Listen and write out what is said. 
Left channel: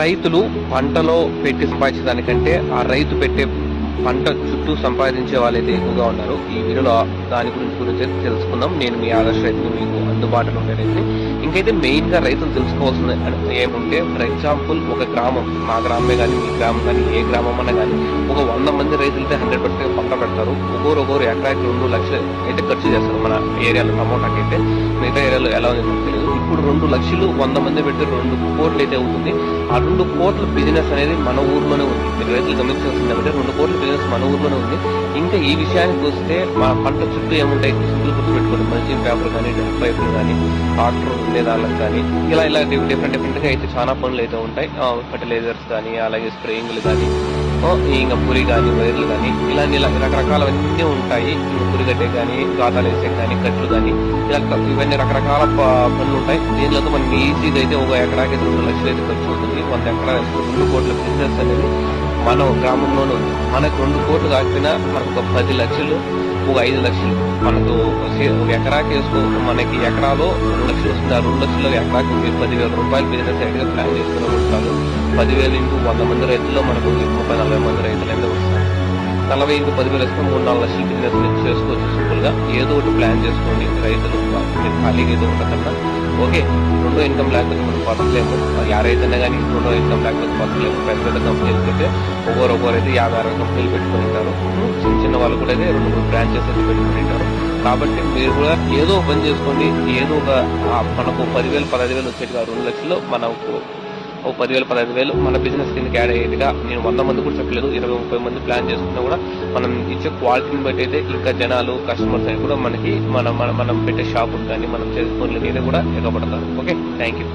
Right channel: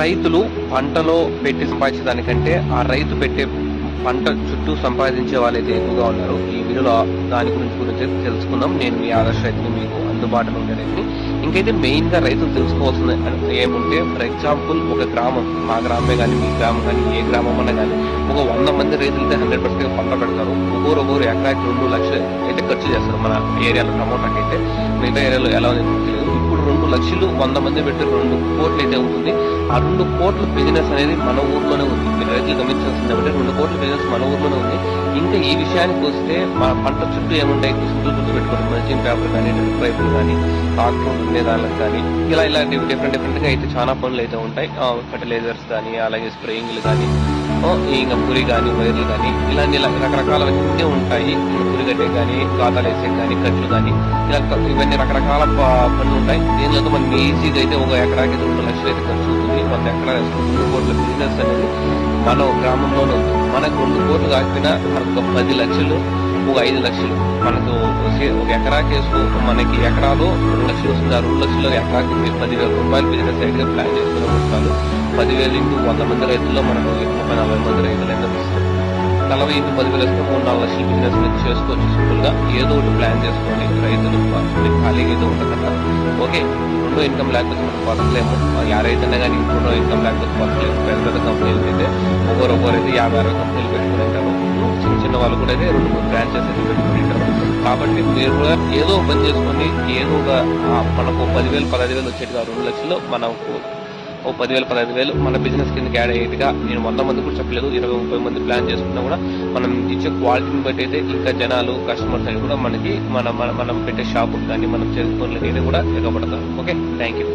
రైతులు పంటలో పెట్టి సంపాదించడానికంటే ఆ రైతు పెట్టే పంట చుట్టూ సంపాదించే వాళ్ళైతే ఎక్కువగా ఉన్నారు. ఈ వీడియోలో దాని గురించి తెలుసుకుందాం. నేను మీ ఆదర్శ రైతుని, మీకు అందుబాటులో ఉండే రైతుని. ఇంకైతే మెయిన్ గా రైతులు తెలుసుకోవాల్సిన ఏముంటే, ఫర్ ఎగ్జాంపుల్ ఒక గ్రామం, మా గ్రామమే కానీ మీ గ్రామం కానీ ఏ గ్రామం అన్నా కానీ ఒక 100 మంది రైతులైతే 100% పంట పెడతారు. ఒక్కొరు ఎకరాకి 2 లక్షలు అయితే ఖర్చు చేస్తారు. మన ఏరియాలో టమోటాకి అయితే, మిగతా ఏరియాలో ఎలా ఉంది తెలియదు. ఇప్పుడు 2 లక్షలు 100 మంది పెడితే 2 కోట్లు అయితే అవుతుంది. ఆ 2 కోట్ల బిజినెస్ అనేది మన ఊర్లోనే ఉంది. మీరు రైతులు గమనించాల్సింది కాబట్టి 2 కోట్ల బిజినెస్ మన ఊర్లోనే ఉంది. ఇంకా ఈ విషయానికి వస్తే, మా పంట చుట్టూ ఏముంటాయి సింపుల్ గుర్తు పెట్టుకోండి. మల్చింగ్ పేపర్ కానీ, డ్రిప్ పైపులు కానీ, ట్రాక్టర్ ఉండేదానికి కానీ, ఇలా డిఫరెంట్ గా అయితే చాలా పనులు అయితే ఉంటాయి. ఫర్టిలైజర్స్ కానీ, అలాగే స్ప్రేయింగ్లు కానీ, ఇంకా పురి కానీ, వైర్లు కానీ, ఇలాంటి రకరకాలవన్నీ ఉంటాయి. పురిగడ్డే కానీ, గాతాలు వేసే కానీ, కట్లు కానీ, ఇవన్నీ రకరకాల పనులు ఉంటాయి. దీనిలో మనం ఈజీగా అయితే ఒక ఎకరాకి 2 లక్షలు అయితే ఖర్చు అవుతుంది. 100 ఎకరాలు 2 కోట్ల బిజినెస్ అనేది మన గ్రామంలోనే ఉంది. మనకు 2 కోట్లు కాకపోయినా మనకు ఒక 10 లక్షలు, ఒక 5 లక్షలు మనకు ఒక ఎకరాకి వేసుకో. మనకి ఎకరాలో 2 లక్షలు వస్తుంది. ఆ 2 లక్షలు ఎకరాకి 10,000 రూపాయలు బిజినెస్ సైడ్ గా ప్లాన్ చేసుకునే వస్తారు. 10,000 ఇంటూ 100 మంది రైతుల్లో మనకు 30-40 మంది రైతులు అయితే వస్తారు. 40 ఇంటూ 10,000 వస్తే 3-4 లక్షల బిజినెస్ మీరు చేసుకోవచ్చు. సింపుల్ గా ఏదో ఒకటి ప్లాన్ చేసుకోండి. రైతులు ఖాళీగా ఏదో ఉండకన్నా. ఓకే, 2 ఇన్కమ్ లేకపోతే మనం బతకలేము. ఎవరైతేనే కానీ 2 ఇన్కమ్ లేకపోతే బతకలేము. పెద్ద కంపెనీలకి అయితే ఒకరైతే 50-60 కంపెనీలు పెట్టుకుని ఉంటారు. చిన్న వాళ్ళు కూడా అయితే 2-3 బ్రాంచెస్ అయితే పెట్టుకుని ఉంటారు. కాబట్టి మీరు కూడా ఏదో పని చేసుకోండి. ఏదో ఒక మనకు 10,000-15,000 వచ్చేట్టుగా 2 లక్షలు మనకు 10,000-15,000 మన బిజినెస్ కిందకి యాడ్ అయ్యేట్టుగా, నేను 100 మంది కూడా చెప్పలేదు, 20-30 మంది ప్లాన్ చేసుకున్నా కూడా మనం ఇచ్చే క్వాలిటీని బట్టి అయితే ఇంకా జనాలు, కస్టమర్స్ అని కూడా మనకి మనం పెట్టే షాపుకి కానీ, మనం చేసే పనులకి అయితే కూడా ఎగబడతారు. Okay, thank you.